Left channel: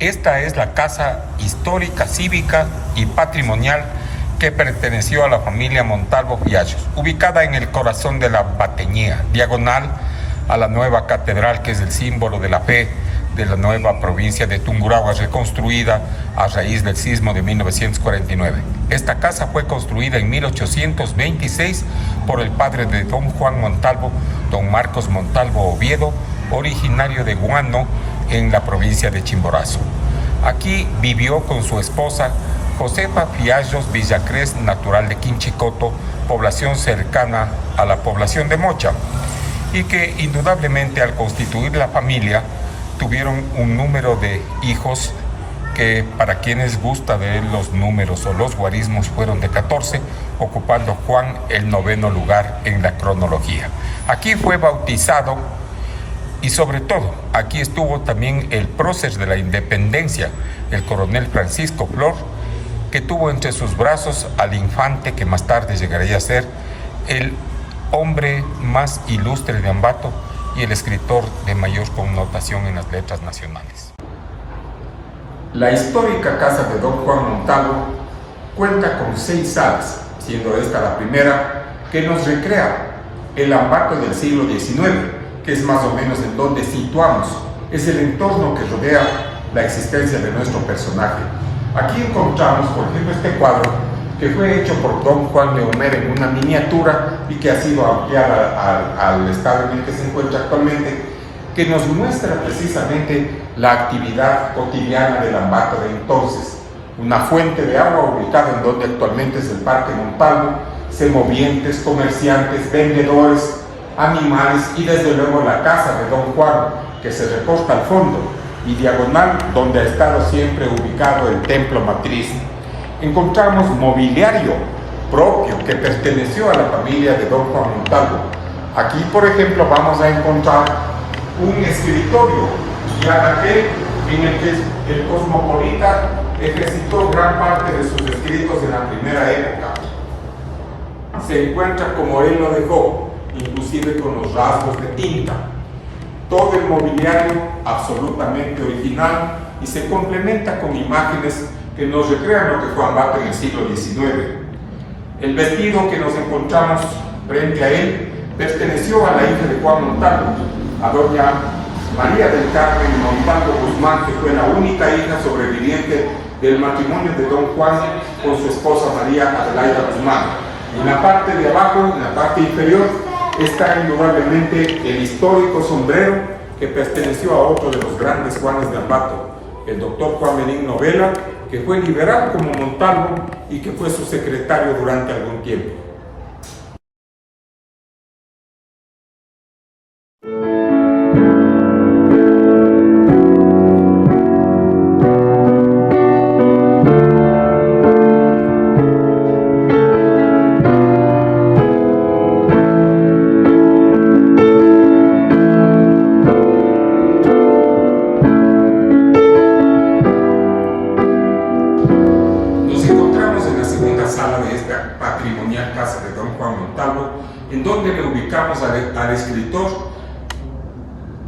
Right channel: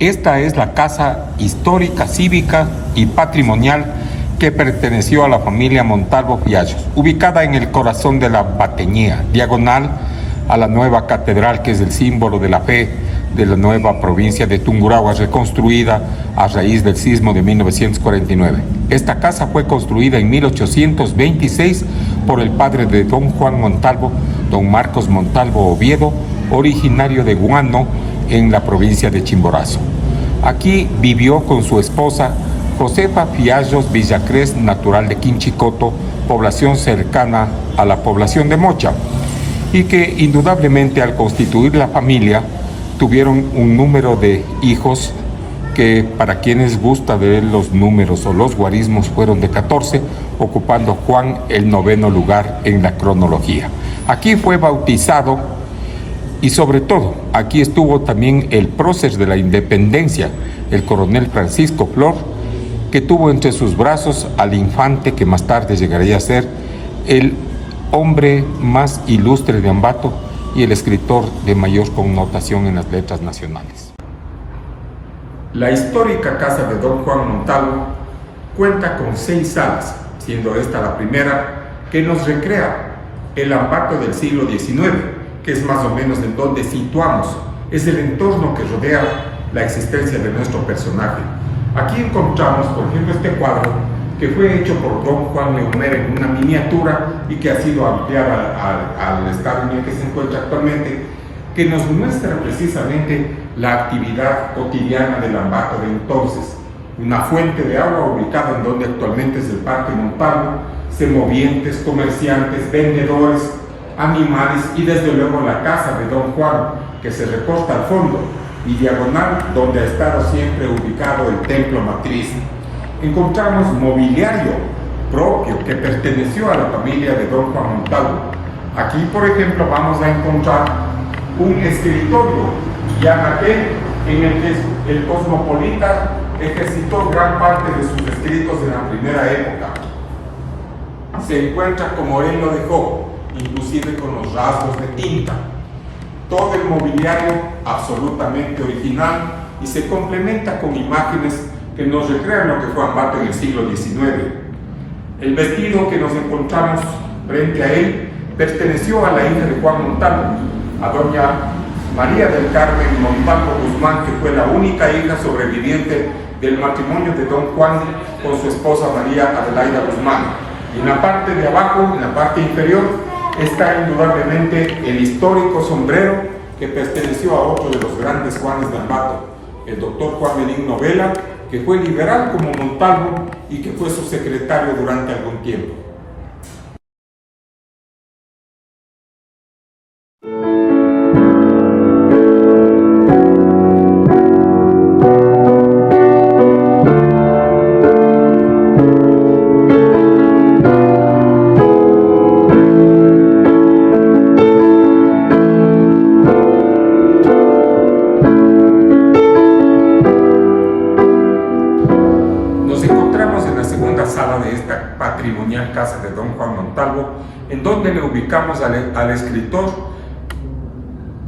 Esta es la casa histórica, cívica y patrimonial que perteneció a la familia Montalvo Fiallos, ubicada en el corazón de la Bateñía, diagonal a la nueva catedral, que es el símbolo de la fe de la nueva provincia de Tungurahua, reconstruida a raíz del sismo de 1949. Esta casa fue construida en 1826 por el padre de don Juan Montalvo, don Marcos Montalvo Oviedo, originario de Guano, en la provincia de Chimborazo. Aquí vivió con su esposa Josefa Fiallos Villacrés, natural de Quinchicoto, población cercana a la población de Mocha, y que indudablemente al constituir la familia tuvieron un número de hijos que, para quienes gusta ver los números o los guarismos, fueron de 14, ocupando Juan el 9º lugar en la cronología. Aquí fue bautizado y sobre todo aquí estuvo también el prócer de la independencia, el coronel Francisco Flor, que tuvo entre sus brazos al infante que más tarde llegaría a ser el hombre más ilustre de Ambato y el escritor de mayor connotación en las letras nacionales. La histórica casa de don Juan Montalvo cuenta con 6 salas, siendo esta la primera que nos recrea el Ambato del siglo XIX, que es más o menos en donde situamos, es el entorno que rodea la existencia de nuestro personaje. Aquí encontramos, por ejemplo, este cuadro que fue hecho por don Juan Neumer en una miniatura y que ha sido ampliada al estado en el que se encuentra actualmente, que nos muestra precisamente la actividad cotidiana del Ambato de entonces. Una fuente de agua ubicada en donde actualmente es el Parque Montalvo, semovientes, comerciantes, vendedores, animales y desde luego la casa de don Juan, que se recorta al fondo, y diagonal donde ha estado siempre ubicado el templo matriz. Encontramos mobiliario propio que perteneció a la familia de don Juan Montalvo. Aquí, por ejemplo, vamos a encontrar un escritorio, ya aquel en el que el cosmopolita ejercitó gran parte de sus escritos en la primera época. Se encuentra como él lo dejó, inclusive con los rasgos de tinta. Todo el mobiliario absolutamente original y se complementa con imágenes que nos recrean lo que fue Ambato en el siglo XIX. El vestido que nos encontramos frente a él perteneció a la hija de Juan Montalvo, a doña María del Carmen Montalvo Guzmán, que fue la única hija sobreviviente del matrimonio de don Juan con su esposa María Adelaida Guzmán. Y en la parte de abajo, en la parte inferior, está indudablemente el histórico sombrero que perteneció a otro de los grandes Juanes de Ambato, el doctor Juan Benigno Vela, que fue liberal como Montalvo y que fue su secretario durante algún tiempo. Patrimonial casa de don Juan Montalvo, en donde le ubicamos al escritor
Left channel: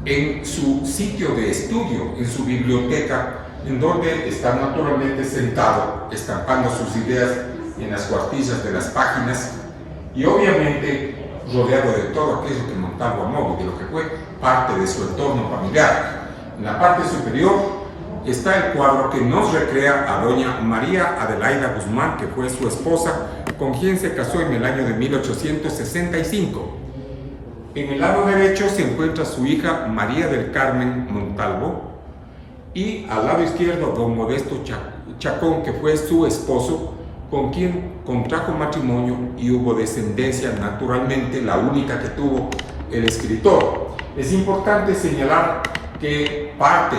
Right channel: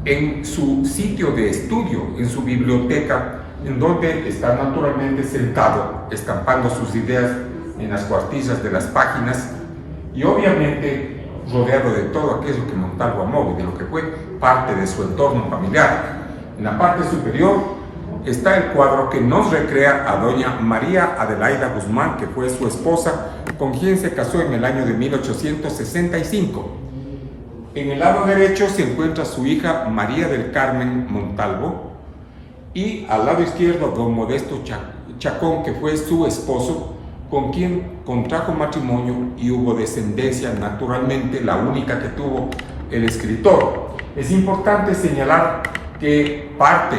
en su sitio de estudio, en su biblioteca, en donde está naturalmente sentado, estampando sus ideas en las cuartillas de las páginas y obviamente rodeado de todo aquello que Montalvo amó, de lo que fue parte de su entorno familiar. En la parte superior está el cuadro que nos recrea a doña María Adelaida Guzmán, que fue su esposa, con quien se casó en el año de 1865. En el lado derecho se encuentra su hija María del Carmen Montalvo y al lado izquierdo don Modesto Chacón, que fue su esposo, con quien contrajo matrimonio y hubo descendencia, naturalmente la única que tuvo el escritor. Es importante señalar que parte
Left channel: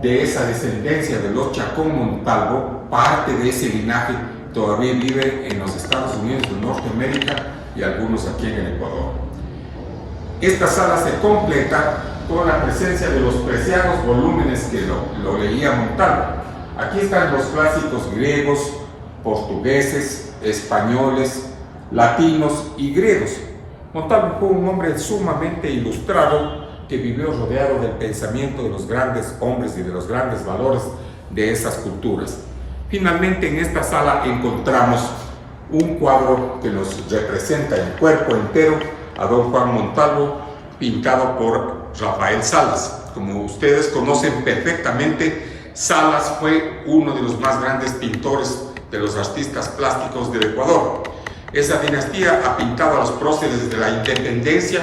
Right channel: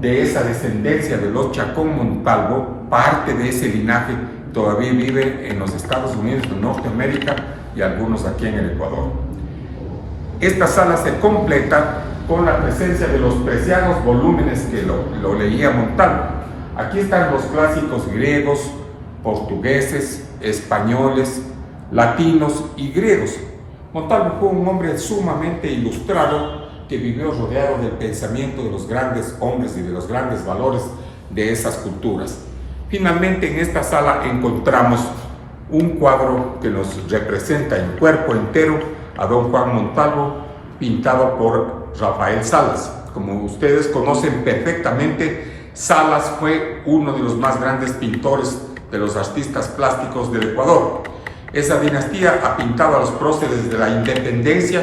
de esa descendencia de los Chacón Montalvo, parte de ese linaje todavía vive en los Estados Unidos de Norteamérica y algunos aquí en el Ecuador. Esta sala se completa con la presencia de los preciados volúmenes que lo leía Montalvo. Aquí están los clásicos griegos, portugueses, españoles, latinos y griegos. Montalvo fue un hombre sumamente ilustrado que vivió rodeado del pensamiento de los grandes hombres y de los grandes valores de esas culturas. Finalmente, en esta sala encontramos un cuadro que nos representa el cuerpo entero a don Juan Montalvo, pintado por Rafael Salas. Como ustedes conocen perfectamente, Salas fue uno de los más grandes pintores de los artistas plásticos del Ecuador. Esa dinastía ha pintado a los próceres de la independencia,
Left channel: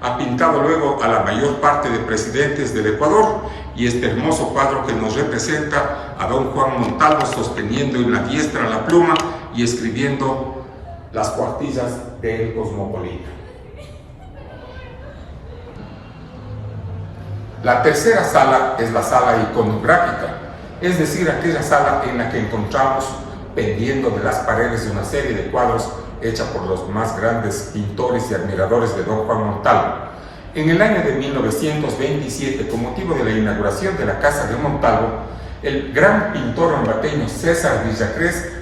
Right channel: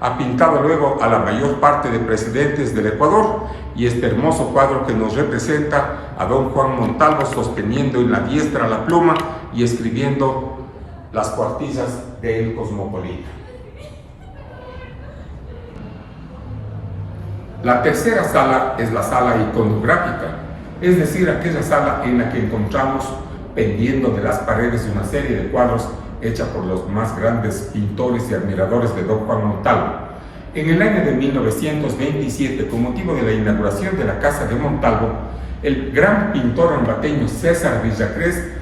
ha pintado luego a la mayor parte de presidentes del Ecuador, y este hermoso cuadro que nos representa a don Juan Montalvo sosteniendo en la diestra la pluma y escribiendo las cuartillas del Cosmopolita. La tercera sala es la sala iconográfica, es decir, aquella sala en la que encontramos pendiendo de las paredes una serie de cuadros hecha por los más grandes pintores y admiradores de don Juan Montalvo. En el año de 1927, con motivo de la inauguración de la Casa de Montalvo, el gran pintor ambateño César Villacrés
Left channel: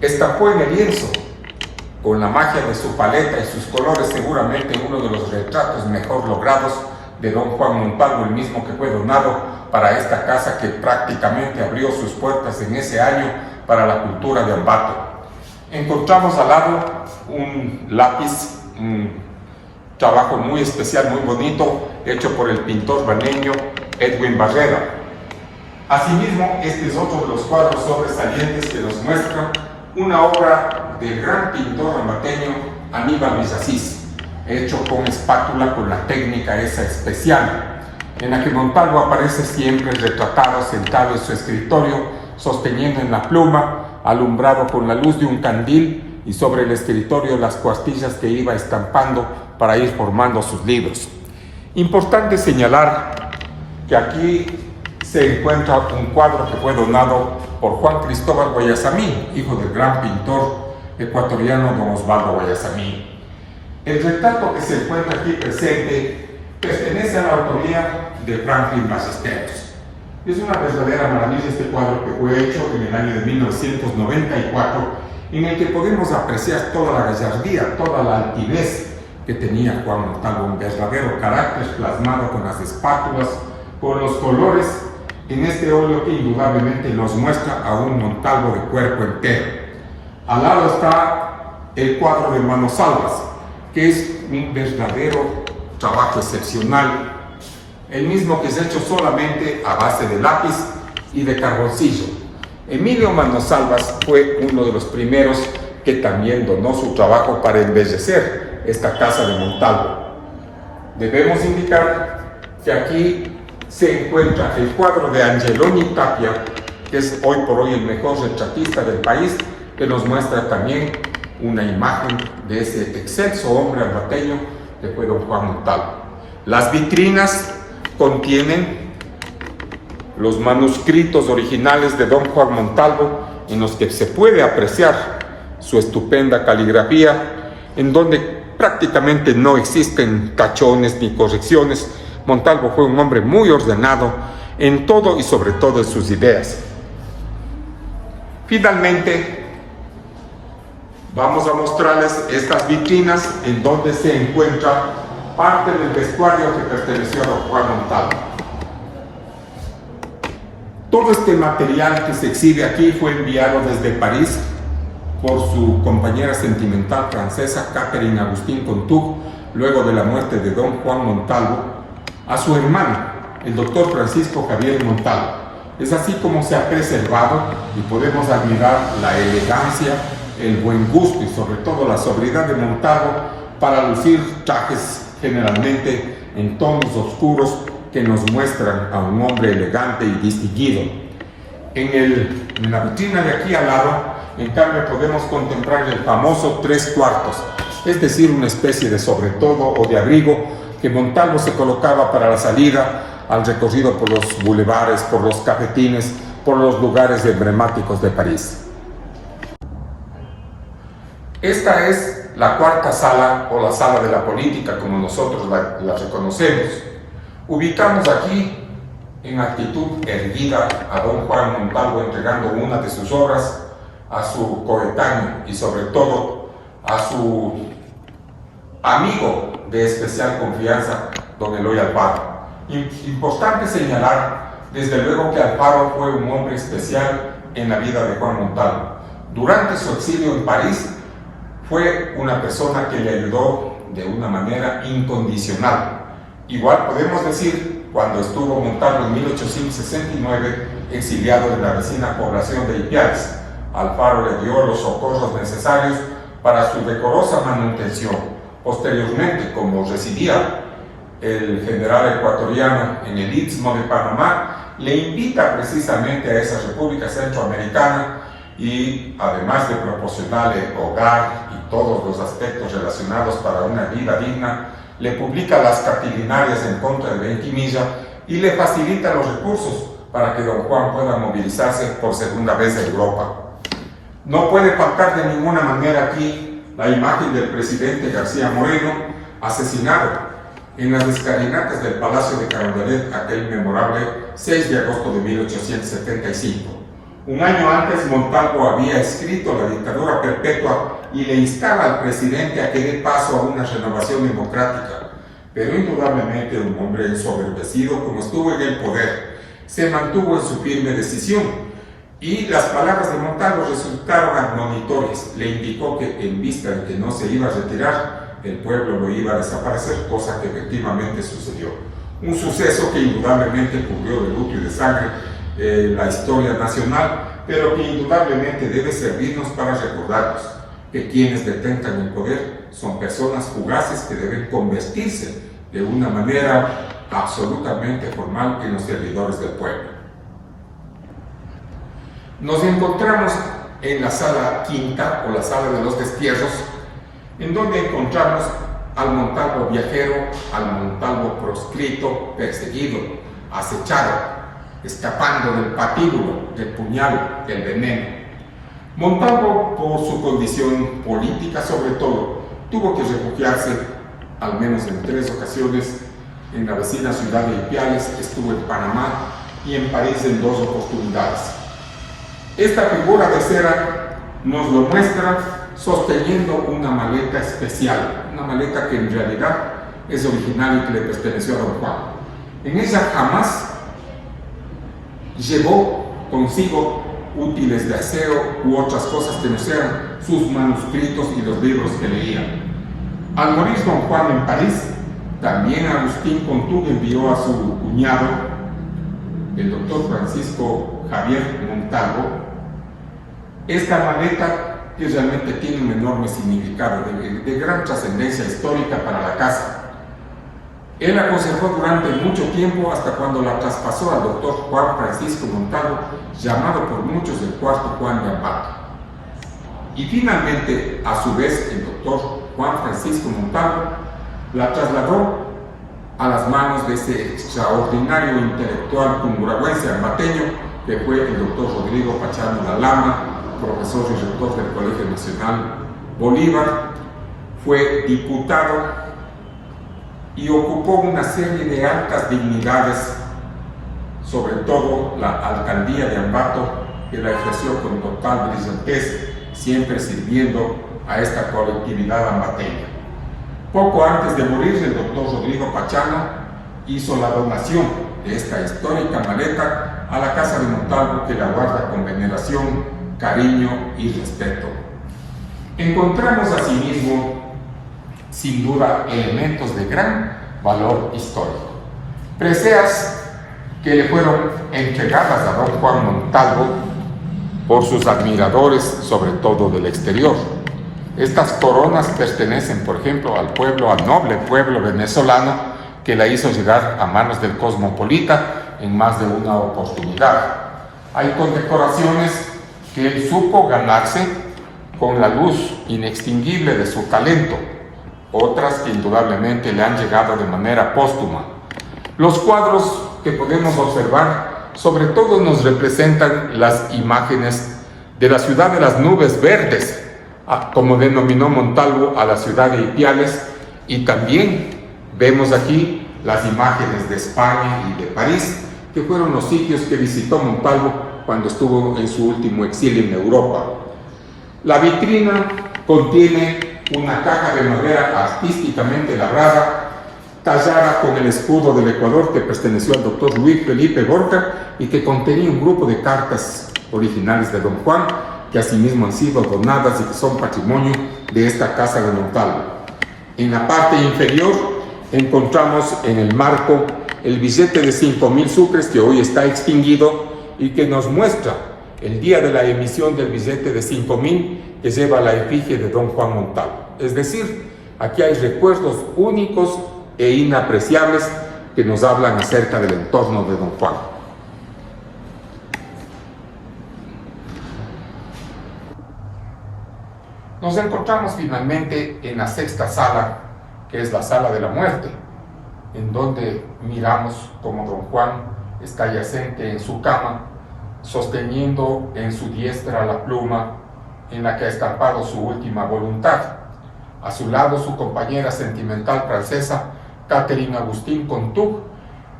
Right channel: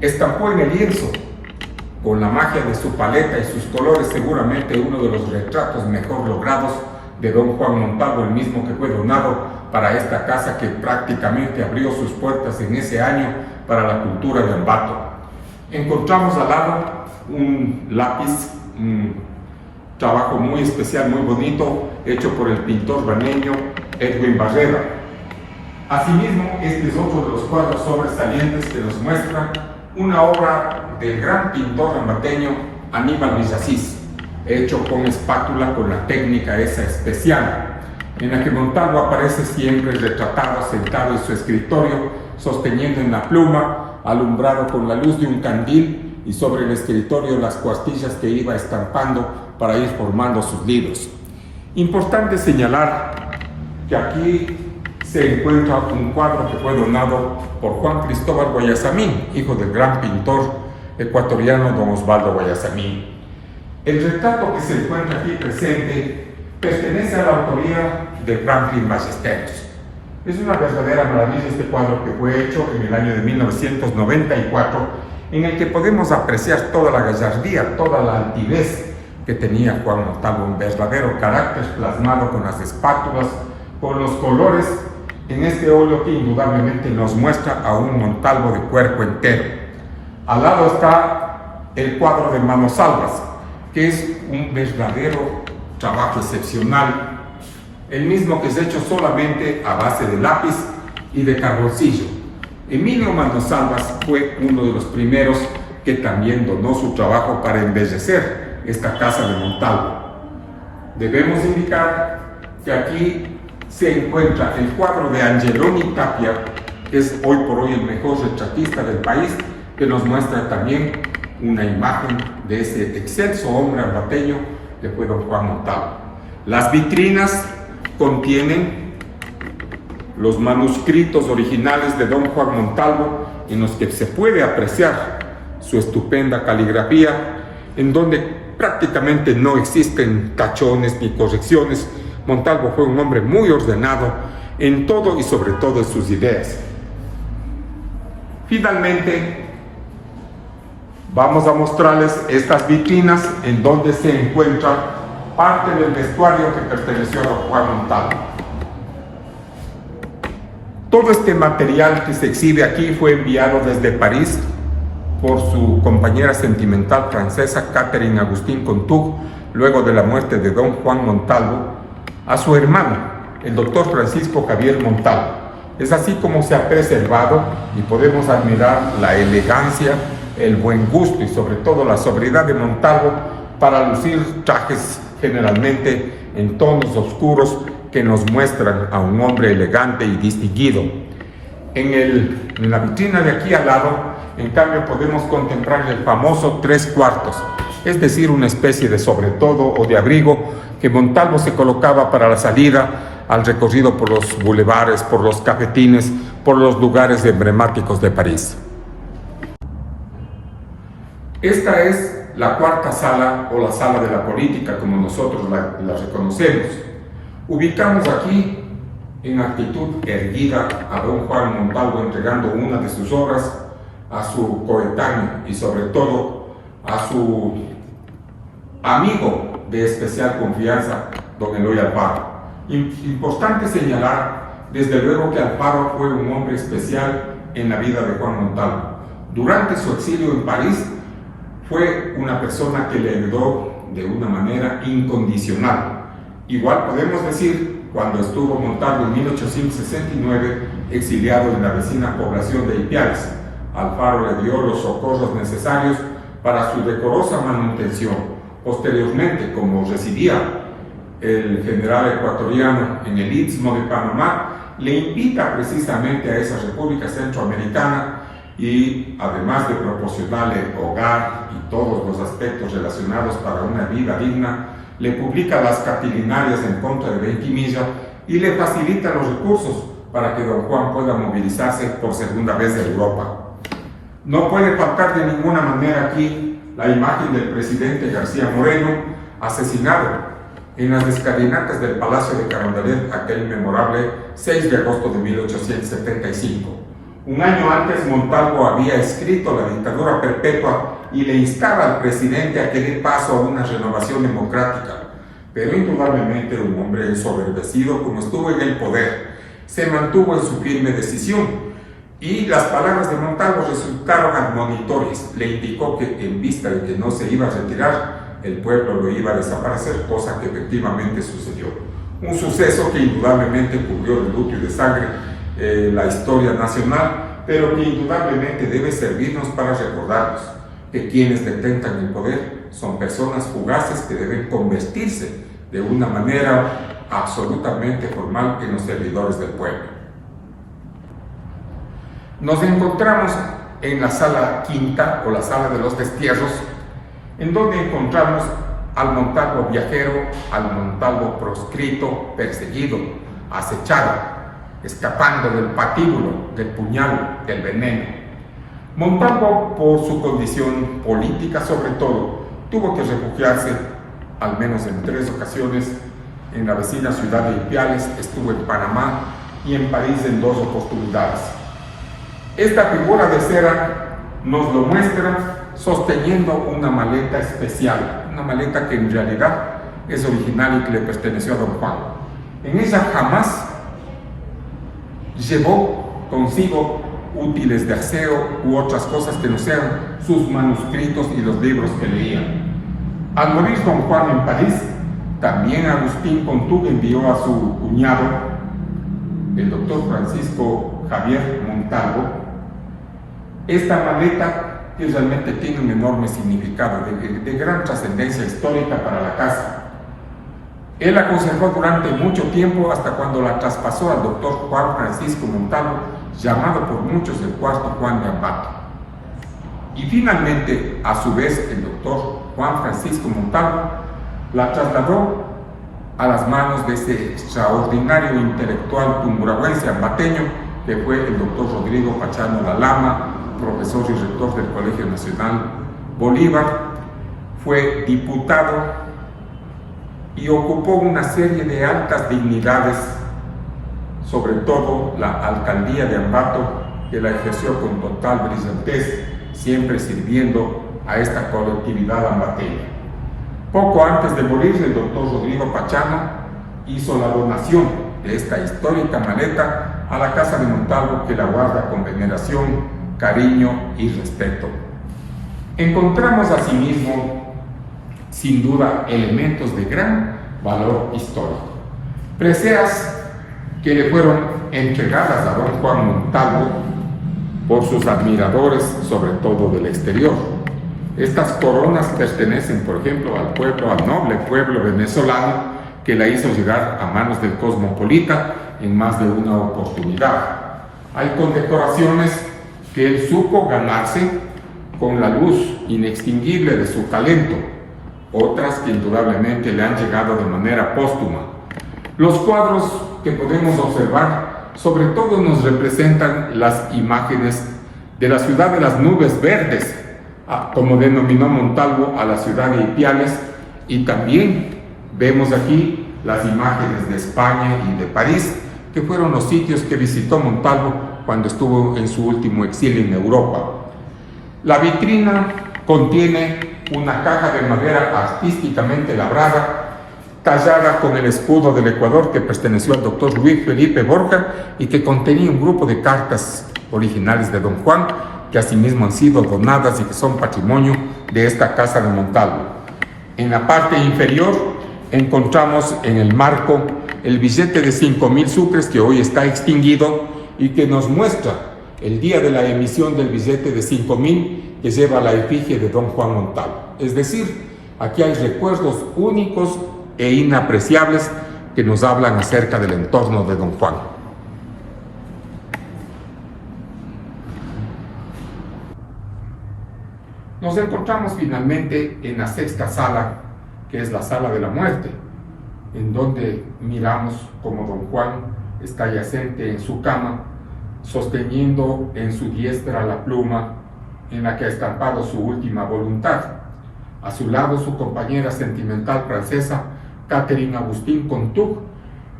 estampó en el lienzo, con la magia de su paleta y sus colores, seguramente uno de los retratos mejor logrados de don Juan Montalvo, el mismo que fue donado para esta casa que prácticamente abrió sus puertas en ese año para la cultura de Ambato. Encontramos al lado un lápiz, un trabajo muy especial, muy bonito, hecho por el pintor baneño Edwin Barrera. Asimismo, este es otro de los cuadros sobresalientes que nos muestra una obra del gran pintor ambateño Aníbal Villasís, hecho con espátula, con la técnica esa especial, en la que Montalvo aparece siempre retratado, sentado en su escritorio, sosteniendo en la pluma, alumbrado con la luz de un candil, y sobre el escritorio las cuartillas que iba estampando para ir formando sus libros. Importante señalar que aquí se encuentra un cuadro que fue donado por Juan Cristóbal Guayasamín, hijo del gran pintor ecuatoriano don Osvaldo Guayasamín. El retrato que se encuentra aquí presente pertenece a la autoría de Franklin Ballesteros. Es una verdadera maravilla este cuadro que fue hecho en el año de 1994, en el que podemos apreciar toda la gallardía, toda la altivez que tenía Juan Montalvo, un verdadero carácter plasmado con las espátulas, con los colores, en este óleo que indudablemente nos muestra a un Montalvo de cuerpo entero. Al lado está el cuadro de Manos Salvas, que es un verdadero trabajo excepcional, el mismo que es hecho solamente a base de lápiz y de carboncillo. Emilio Manos Salvas fue uno de los primeros que también donó su trabajo para embellecer esta casa de Montalvo. Debemos indicar que aquí se encuentra el cuadro de Angeloni Tapia, que es hoy por hoy el mejor retratista del país, que nos muestra también una imagen de ese excelso hombre ambateño que fue don Juan Montalvo. Las vitrinas contienen los manuscritos originales de don Juan Montalvo, en los que se puede apreciar su estupenda caligrafía, en donde prácticamente no existen tachones ni correcciones. Montalvo fue un hombre muy ordenado en todo y sobre todo en sus ideas. Finalmente, vamos a mostrarles estas vitrinas en donde se encuentra parte del vestuario que perteneció a Juan Montalvo. Todo este material que se exhibe aquí fue enviado desde París por su compañera sentimental francesa Catherine Agustín Contug, luego de la muerte de don Juan Montalvo, a su hermano, el doctor Francisco Javier Montalvo. Es así como se ha preservado y podemos admirar la elegancia, el buen gusto y sobre todo la sobriedad de Montalvo para lucir trajes generalmente en tonos oscuros que nos muestran a un hombre elegante y distinguido. En la vitrina de aquí al lado, en cambio, podemos contemplar el famoso 3/4, es decir, una especie de sobretodo o de abrigo que Montalvo se colocaba para la salida al recorrido por los bulevares, por los cafetines, por los lugares emblemáticos de París. Esta es la cuarta sala o la sala de la política, como nosotros la reconocemos. Ubicamos aquí en actitud erguida a don Juan Montalvo entregando una de sus obras a su coetáneo y sobre todo a su amigo de especial confianza, don Eloy Alfaro. Importante señalar, desde luego, que Alfaro fue un hombre especial en la vida de Juan Montalvo. Durante su exilio en París, fue una persona que le ayudó de una manera incondicional. Igual podemos decir, cuando estuvo Montalvo en 1869 exiliado en la vecina población de Ipiales, Alfaro le dio los socorros necesarios para su decorosa manutención. Posteriormente, como residía el general ecuatoriano en el Istmo de Panamá, le invita precisamente a esa república centroamericana y, además de proporcionarle hogar y todos los aspectos relacionados para una vida digna, le publica las capilinarias en contra de Benquimilla y le facilita los recursos para que don Juan pueda movilizarse por segunda vez en Europa. No puede faltar de ninguna manera aquí la imagen del presidente García Moreno, asesinado en las escalinatas del Palacio de Carondelet aquel memorable 6 de agosto de 1875. Un año antes, Montalvo había escrito la dictadura perpetua y le instaba al presidente a que dé paso a una renovación democrática. Pero indudablemente un hombre ensoberbecido, como estuvo en el poder, se mantuvo en su firme decisión. Y las palabras de Montalvo resultaron admonitorias. Le indicó que, en vista de que no se iba a retirar, el pueblo lo iba a desaparecer, cosa que efectivamente sucedió. Un suceso que indudablemente cubrió de luto y de sangre la historia nacional, pero que indudablemente debe servirnos para recordarnos que quienes detentan el poder son personas fugaces que deben convertirse de una manera absolutamente formal en los servidores del pueblo. Nos encontramos en la sala quinta o la sala de los destierros, en donde encontramos al Montalvo viajero, al Montalvo proscrito, perseguido, acechado, escapando del patíbulo, del puñal, del veneno. Montalvo, por su condición política sobre todo, tuvo que refugiarse, al menos en 3 ocasiones, en la vecina ciudad de Ipiales, estuvo en Panamá y en París en 2 oportunidades. Esta figura de cera nos lo muestra sosteniendo una maleta especial, una maleta que en realidad es original y que le perteneció a don Juan. En ella jamás llevó consigo útiles de aseo u otras cosas que no sean sus manuscritos y los libros que leía. Al morir don Juan en París, también Agustín Contug envió a su cuñado, el doctor Francisco Javier Montalvo, esta maleta que realmente tiene un enorme significado, de gran trascendencia histórica para la casa. Él la conservó durante mucho tiempo hasta cuando la traspasó al doctor Juan Francisco Montalvo, llamado por muchos el cuarto Juan de Ambato. Y finalmente, a su vez, el doctor Juan Francisco Montalvo la trasladó a las manos de ese extraordinario intelectual tumburagüense ambateño que fue el doctor Rodrigo Pachano Lalama, profesor y rector del Colegio Nacional Bolívar. Fue diputado y ocupó una serie de altas dignidades, sobre todo la alcaldía de Ambato, que la ejerció con total brillantez, siempre sirviendo a esta colectividad ambateña. Poco antes de morir, el doctor Rodrigo Pachano hizo la donación de esta histórica maleta a la casa de Montalvo, que la guarda con veneración, cariño y respeto. Encontramos asimismo, sin duda, elementos de gran valor histórico. Preseas que le fueron entregadas a don Juan Montalvo por sus admiradores, sobre todo del exterior. Estas coronas pertenecen, por ejemplo, al noble pueblo venezolano, que la hizo llegar a manos del cosmopolita en más de una oportunidad. Hay condecoraciones que él supo ganarse con la luz inextinguible de su talento, otras que indudablemente le han llegado de manera póstuma. Los cuadros que podemos observar sobre todo nos representan las imágenes de la ciudad de las nubes verdes, como denominó Montalvo a la ciudad de Ipiales, y también vemos aquí las imágenes de España y de París, que fueron los sitios que visitó Montalvo cuando estuvo en su último exilio en Europa. La vitrina contiene una caja de madera artísticamente labrada, tallada con el escudo del Ecuador que perteneció al doctor Luis Felipe Borja y que contenía un grupo de cartas originales de don Juan, que asimismo han sido donadas y que son patrimonio de esta Casa de Montalvo. En la parte inferior encontramos en el marco el billete de 5.000 sucres que hoy está extinguido y que nos muestra el día de la emisión del billete de 5.000 que lleva la efigie de don Juan Montalvo. Es decir, aquí hay recuerdos únicos e inapreciables que nos hablan acerca del entorno de don Juan. Nos encontramos finalmente en la sexta sala, que es la sala de la muerte, en donde miramos como don Juan está yacente en su cama, sosteniendo en su diestra la pluma en la que ha estampado su última voluntad. A su lado su compañera sentimental francesa, Catherine Agustín Contug,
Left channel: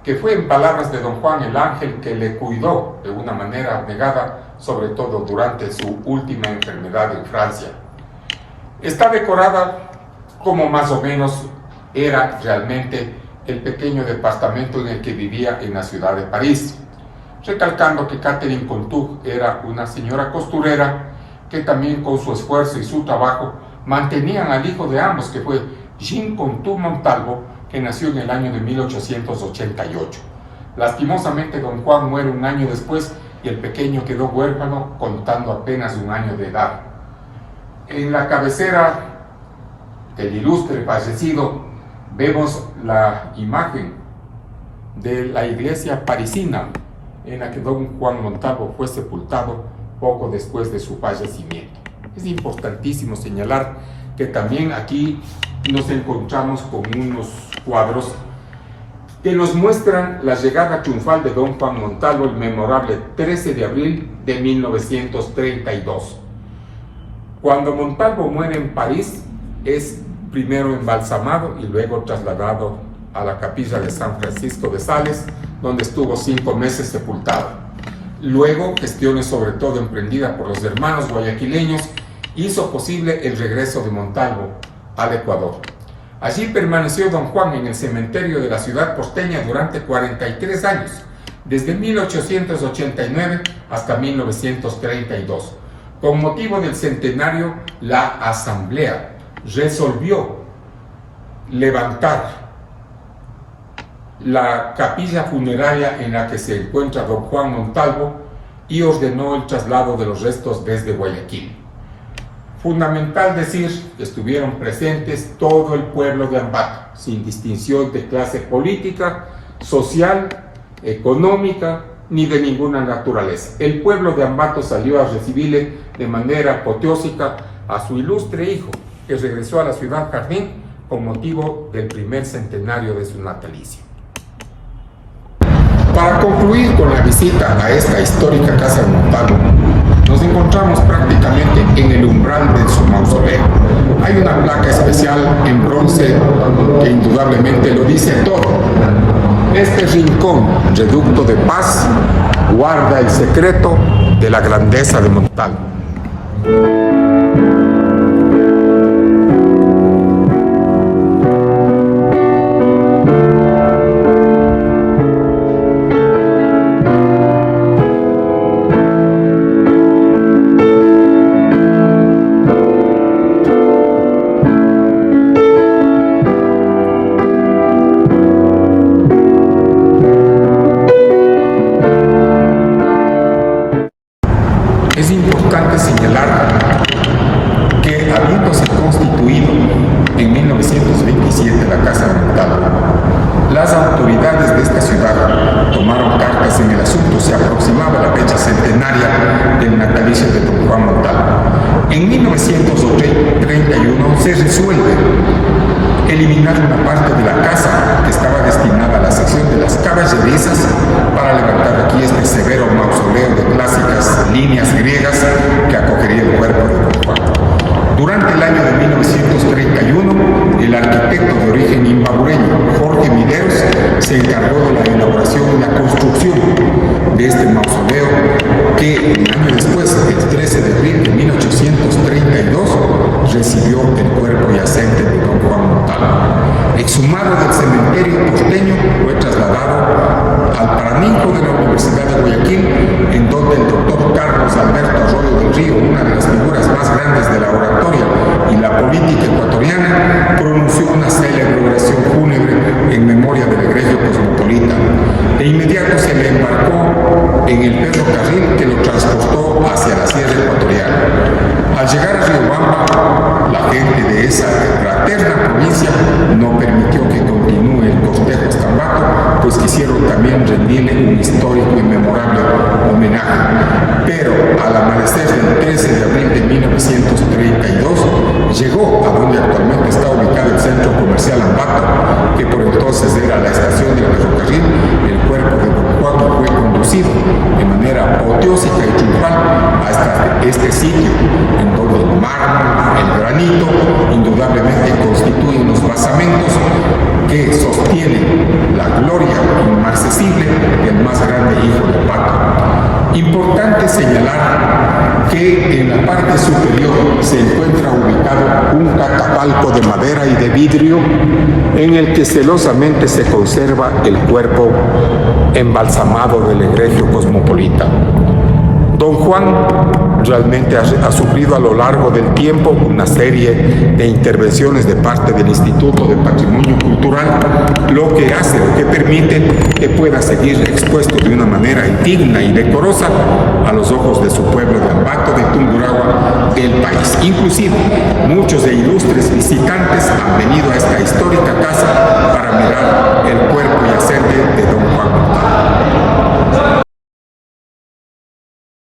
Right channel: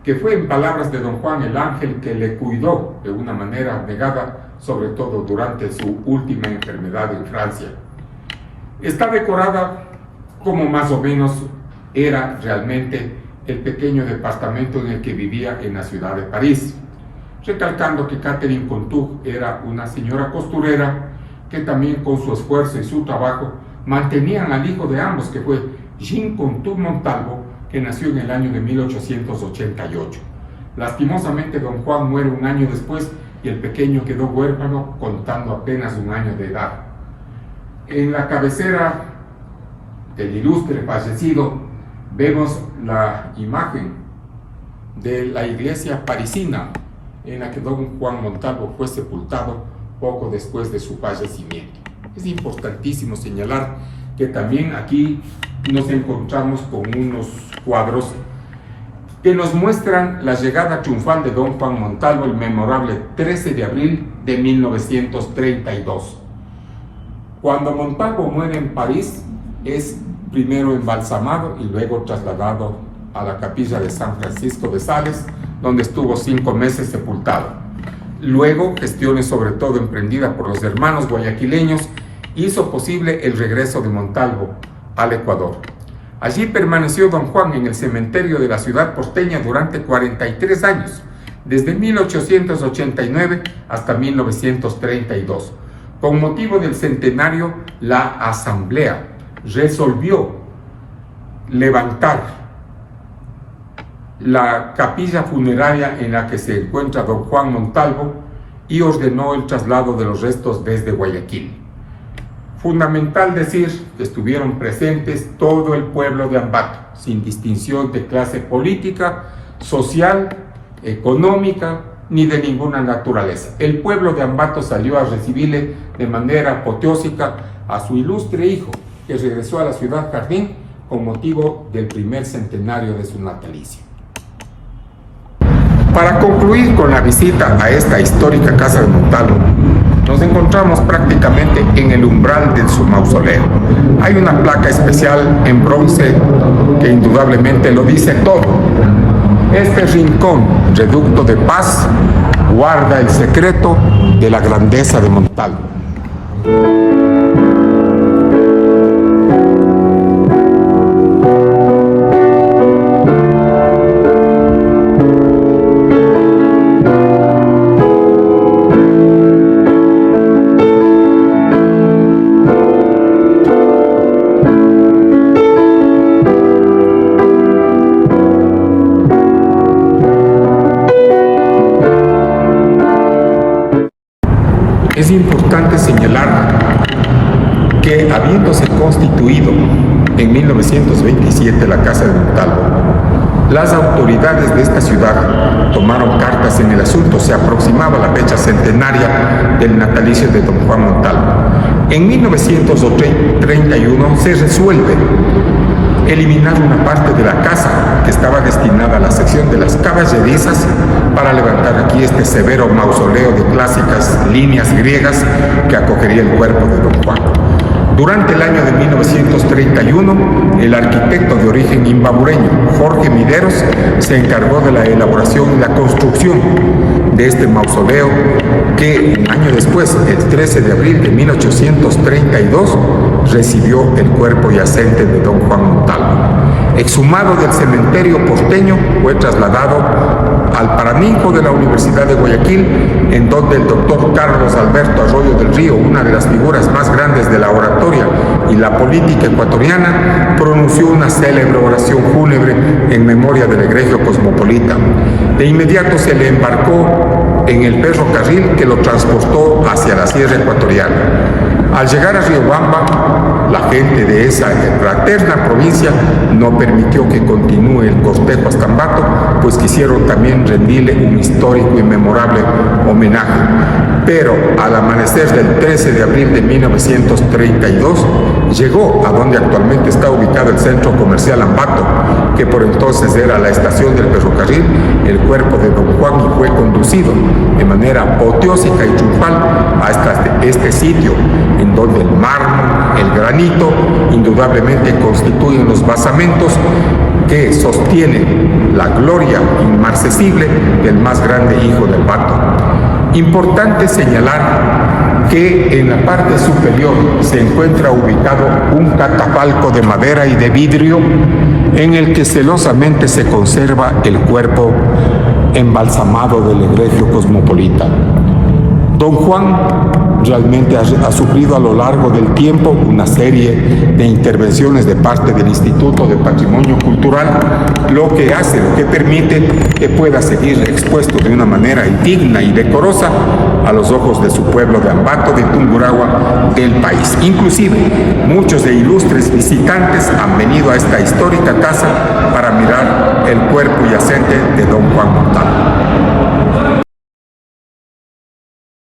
que fue en palabras de don Juan el ángel que le cuidó de una manera abnegada, sobre todo durante su última enfermedad en Francia. Está decorada como más o menos era realmente el pequeño departamento en el que vivía en la ciudad de París, recalcando que Catherine Contug era una señora costurera que también con su esfuerzo y su trabajo mantenían al hijo de ambos, que fue Jean Contug Montalvo, que nació en el año de 1888. Lastimosamente, don Juan muere un año después y el pequeño quedó huérfano contando apenas un año de edad. En la cabecera del ilustre fallecido vemos la imagen de la iglesia parisina en la que don Juan Montalvo fue sepultado poco después de su fallecimiento. Es importantísimo señalar que también aquí nos encontramos con unos cuadros que nos muestran la llegada triunfal de don Juan Montalvo el memorable 13 de abril de 1932. Cuando Montalvo muere en París, es primero embalsamado y luego trasladado a la capilla de San Francisco de Sales, donde estuvo 5 meses sepultado. Luego, gestiones sobre todo emprendidas por los hermanos guayaquileños, hizo posible el regreso de Montalvo al Ecuador. Allí permaneció don Juan en el cementerio de la ciudad porteña durante 43 años, desde 1889 hasta 1932. Con motivo del centenario, la Asamblea resolvió levantar la capilla funeraria en la que se encuentra don Juan Montalvo y ordenó el traslado de los restos desde Guayaquil. Fundamental decir que estuvieron presentes todo el pueblo de Ambato, sin distinción de clase política, social, económica, ni de ninguna naturaleza. El pueblo de Ambato salió a recibirle de manera apoteósica a su ilustre hijo, que regresó a la ciudad Jardín con motivo del primer centenario de su natalicio. Para concluir con la visita a esta histórica casa de Montalvo, nos encontramos prácticamente en el umbral de su mausoleo. Hay una placa especial en bronce que indudablemente lo dice todo. Este rincón, reducto de paz, guarda el secreto de la grandeza de Montalvo. Es importante señalar que, habiéndose constituido en 1927 la Casa de Montalvo, las autoridades de esta ciudad tomaron cartas en el asunto. Se aproximaba la fecha centenaria del natalicio de don Juan Montalvo. En 1931 se resuelve eliminar una parte de la casa que estaba destinada a la sección de las caballerizas para levantar aquí este severo mausoleo de clásicas líneas griegas que acogería el cuerpo de don Juan. Durante el año de 1931, el arquitecto de origen imbabureño, Jorge Mideros, se encargó de la elaboración y la construcción de este mausoleo que un año después, el 13 de abril de 1832, recibió el cuerpo yacente de don Juan Montalvo. Exhumado del cementerio porteño, fue trasladado al Paraninfo de la Universidad de Guayaquil, en donde el doctor Carlos Alberto Arroyo del Río, una de las figuras más grandes de la oratoria y la política ecuatoriana, pronunció una célebre oración fúnebre en memoria del egregio cosmopolita. De inmediato se le embarcó en el ferrocarril que lo transportó hacia la Sierra Ecuatoriana. Al llegar a Riobamba, la gente de esa fraterna provincia no permitió que continúe el cortejo hasta Ambato, pues quisieron también rendirle un histórico y memorable homenaje. Pero al amanecer del 13 de abril de 1932, llegó a donde actualmente está ubicado el centro comercial Ambato, que por entonces era la estación del ferrocarril, el cuerpo de don Juan, y fue conducido de manera apoteósica y triunfal hasta este sitio, en donde el mármol, el granito, indudablemente constituyen los basamentos que sostienen la gloria inmarcesible del más grande hijo de Ambato. Importante señalar que en la parte superior se encuentra ubicado un catafalco de madera y de vidrio en el que celosamente se conserva el cuerpo embalsamado del egregio cosmopolita. Don Juan realmente ha sufrido a lo largo del tiempo una serie de intervenciones de parte del Instituto de Patrimonio Cultural, lo que permite que pueda seguir expuesto de una manera digna y decorosa a los ojos de su pueblo de Ambato, de Tungurahua, del país. Inclusive, muchos de ilustres visitantes han venido a esta histórica casa para mirar el cuerpo yacente de don Juan Montalvo.